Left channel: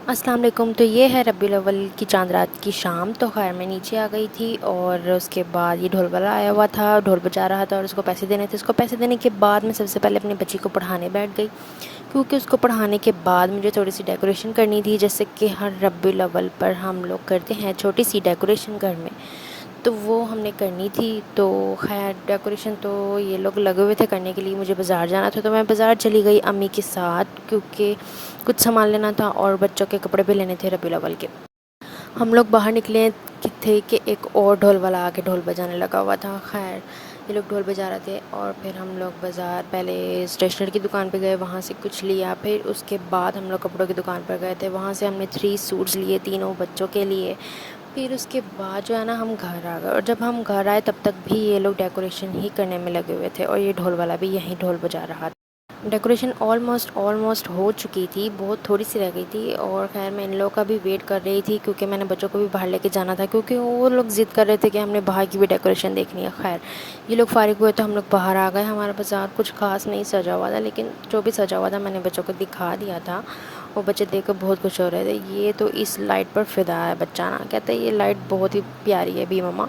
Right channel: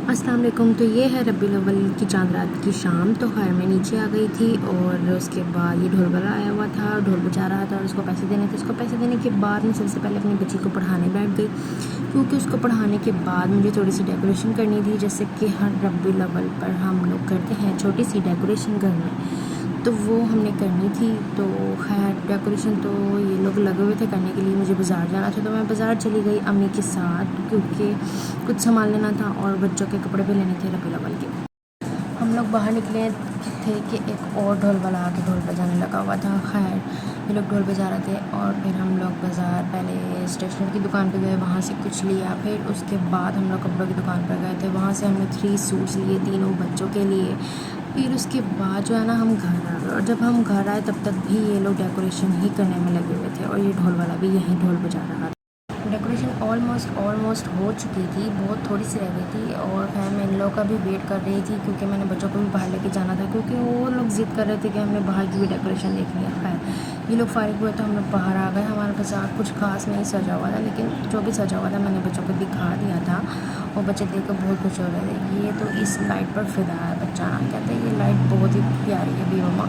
अस्सलाम वालेकुम। तो ये है रबीउल अव्वल की चांद रात की शाम। तो खैर मैं नीचे आ गई थी और उसके बाद ये ढोल वाला आया हुआ था, ढोल बजा रहा था और उसको पैसे देने थे। उसको पैसे देने के बाद मैं सबसे पहले अपनी बच्ची को पढ़ाने बैठ गई, क्योंकि उसको पढ़ाने के बाद मुझे थोड़ी सी डेकोरेशन करनी थी, जैसे कि हर रबीउल अव्वल पर हम लोग करते हैं छोटी सी डेकोरेशन घर में। तो वो हमने करनी थी। तो खैर डेकोरेशन तो ये लोग लगे हुए थे करने के लिए, मुझे बाज़ार जाना था तो मैं बाज़ार चली गई अम्मी के साथ, क्योंकि कुछ सामान लेना था और बच्चों के कपड़े भी लेने थे रबीउल अव्वल के। हम लोग बाहर निकले थे कि एक और ढोल वाला आके ढोल बजाने लगा हुआ था। खैर ये लोग ढोल बजा रहे थे और फिर हम लोग बाज़ार पहले स्टेशनरी की दुकान पे गए, वहाँ से कुछ लिया। फिर उसके बाद हम लोग कपड़ों की दुकान पर गए थे, वहाँ से हमने 3 सूट्स लिए, तीनों बच्चों के लिए। फिर उसके बाद जो है ना हम घर आ गए, और जब हम घर आए तब तक भी ये लोग डेकोरेशन ही करने में लगे हुए थे और ये ढोल वाला भी यहीं ढोल बजा रहा था। डेकोरेशन ऑलमोस्ट हो चुकी थी, बहुत थोड़ी सी रह गई थी। और खैर मैं इन लोगों का भी वेट कर रही थी, क्योंकि मैंने बच्चों को भी बाहर लेके जाना था, क्योंकि वो लोग ज़िद कर रहे थे कि हमने बाहर की भी डेकोरेशन देखनी है। खैर ये लोग फारिग हुए तो हम लोग बाहर आ गए। हमारे बाज़ार कुछ खास नहीं सजा हुआ था, लेकिन जो भी सजा हुआ था मैंने बच्चों को दिखा दिया था। वो बच्चे देख कर बहुत खुश हो रहे थे। ये तो इस लाइट पर फ़िदा है बच्चा, ना कहते ये लाइट बहुत ही प्यारी है भी मम्मा।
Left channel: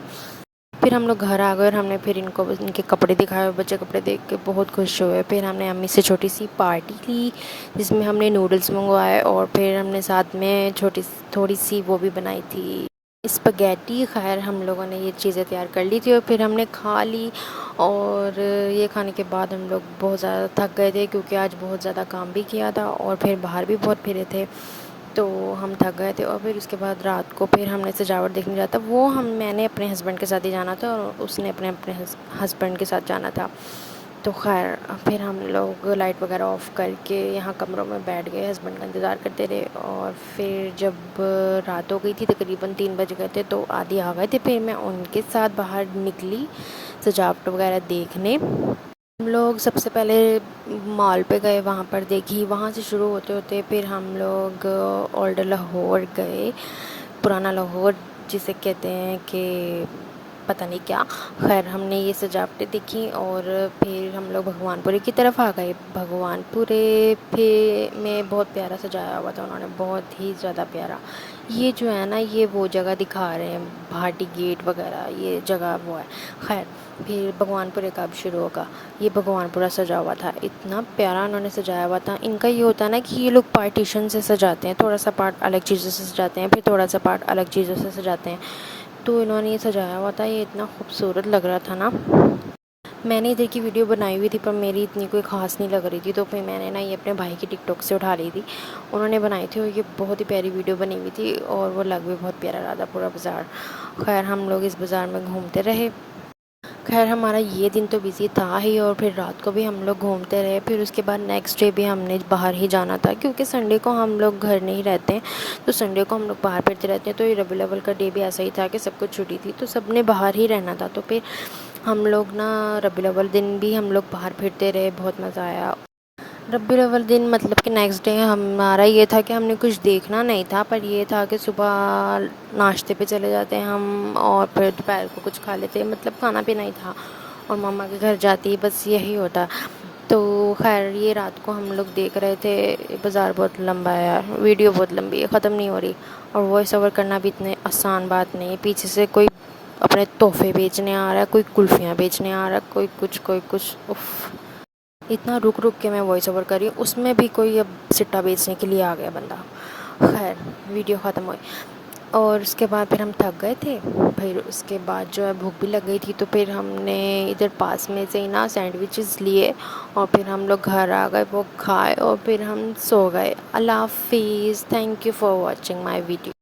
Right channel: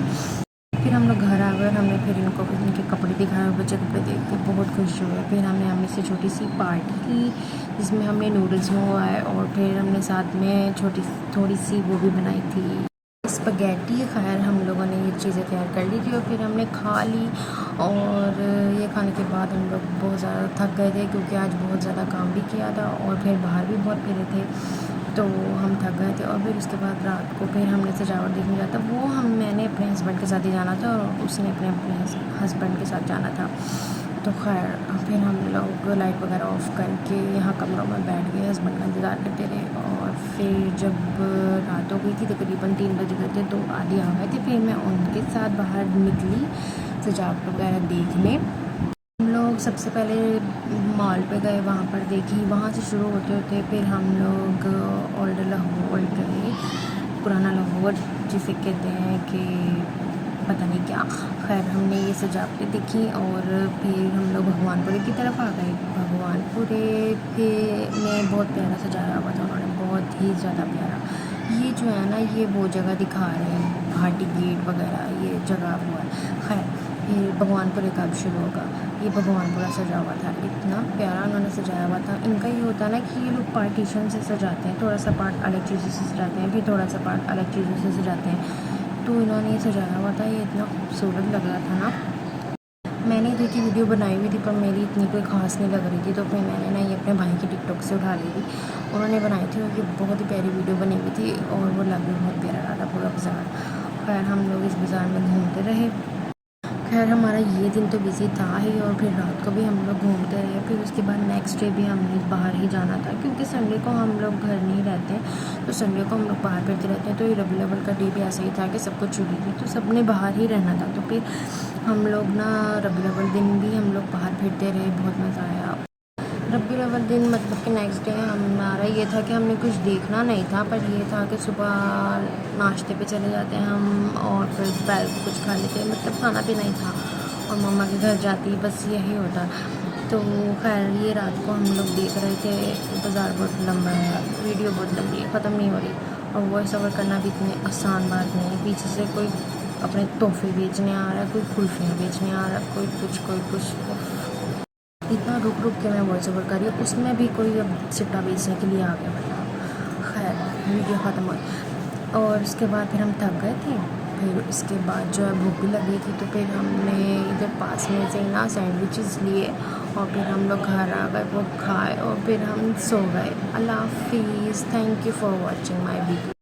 फिर हम लोग घर आ गए और हमने फिर इनको इनके कपड़े दिखाए और बच्चे कपड़े देख के बहुत खुश हुए। फिर हमने अम्मी से छोटी सी पार्टी ली, जिसमें हमने नूडल्स मंगवाए और फिर हमने साथ में छोटी थोड़ी सी वो भी बनाई थी स्पगैटी। खैर हम लोगों ने ये चीज़ें तैयार कर ली थी और फिर हमने खा ली। और ये खाने के बाद हम लोग बहुत ज़्यादा थक गए थे, क्योंकि आज बहुत ज़्यादा काम भी किया था और फिर बाहर भी बहुत फिरे थे, तो हम थक गए थे। और फिर उसके बाद रात को फिर हमने सजावट देखने जाता, वो मैंने अपने हस्बैंड के साथ ही जाना था और उसने अपने अपने हस्बैंड के साथ जाना था। तो खैर फिर हम लोग लाइट वगैरह ऑफ़ करके यहाँ कमरों में बैठ गए, हस्बैंड का इंतज़ार करते रहे। और फिर जब रात हो गई थी, तकरीबन 3 बज गए थे, तो आधी आ गए थे। फिर मैं उनके साथ बाहर निकली सजावट वगैरह देखने। हम लोग सबसे पहले मॉल पे गए, वहाँ पर देखी, वहाँ से शुरू होते होते फिर हम लोग ओल्ड लाहौर गए, पुराना लाहौर जिसे कहते हैं कि पता नहीं क्या। खैर हमने ये सजावटें दिखी और फिर हम लोग भगवानपुरे की तरफ आ गए। भगवानपुरे पे में बहुत प्यारा सजाया हुआ था उन्होंने, बहुत ही ज़्यादा प्यारा। ये जो है ना ये वो जगह दिखा रहे हैं, भाटी गेट वगैरह ये जगह वो है। खैर फिर भगवानपुरे कब शुरू होगा, ये भगवानपुरा सजा हुआ था, इतना प्यारा उन्होंने सजाया हुआ था। इनका ये होता है ना कि ये लोग पार्टीशन से सजाते हैं, थोड़ा सा पार्ट अलग चीज़ों से सजाते हैं, फिर थोड़ा सा पार्ट अलग चीज़ों से सजाते हैं। तो इन्होंने ये सजाया हुआ था, ये इतना खूबसूरत लग रहा था ना। मैंने इधर की वीडियो बनाई हुई थी, पर मेरी इतनी कोई ख़ास नहीं लग रही थी, तो फिर मैंने ना ये अपने भाई की टिकटॉक से उठा ली थी। उन्होंने बनाई थी और ये बहुत ही प्यारी वीडियो बनी हुई थी और वो लग भी बहुत प्यारा रहा था पूरा बाज़ार। खैर हम लोग इस बाज़ार में घूमते रहे। खैर हमारा ये दिन तो बिज़ी था ही, और फिर रात को भी हम लोग घूमते रहे। फिर उसके बाद नेक्स्ट डे भी हमने बाहर ही जाना था, क्योंकि संडे को हम लोग घर नहीं रहते हैं, तो संडे को हम लोग बाहर फिरते रहते हैं। तो ये रबीउल अव्वल का डे भी ऐसा ही था कि सबको छुट्टी थी, तो सब ने बाहर ही रहना था। तो फिर हम लोग ना रबीउल अव्वल दिन भी हम लोग बाहर फिरते रहे, बहुत मज़ा आया। रबीउल अव्वल दिन मतलब कि नेक्स्ट डे हमारा ये था कि हमने कुछ देखना नहीं था, पर ये था कि सुबह नाश्ते पे चले जाते हैं हम और फिर दोपहर को कुछ खा लेते, मतलब खाना भी नहीं था और मम्मा के घर जाती, बस यही होता। तो खैर ये रात को हम लोग देख रहे थे। बाज़ार बहुत लंबा है यार, वीडियो बहुत लंबी है, ख़त्म नहीं हो रही, और वॉइस ओवर करना भी इतनी आसान बात नहीं है। पीछे से कोई अपने तोहफे बेचने आ रहा है, कोई कुल्फ़ियाँ बेचने आ रहा है, कोई कुछ उफ़। इतना रुक रुक के मैं वॉइस ओवर करी, उसमें भी कोई अब सिट्टा बेचने के लिए आ गया बंदा। खैर वीडियो ख़त्म हुई और उसके बाद फिर हम थक गए थे। फिर उसके बाद जो है भूख भी लग गई थी, तो फिर हमने इधर पास में से ही ना सैंडविचेस लिए और फिर हम लोग घर आ गए, वो खाए और फिर हम सो गए। अल्लाह हाफिज़, thank you for watching my video.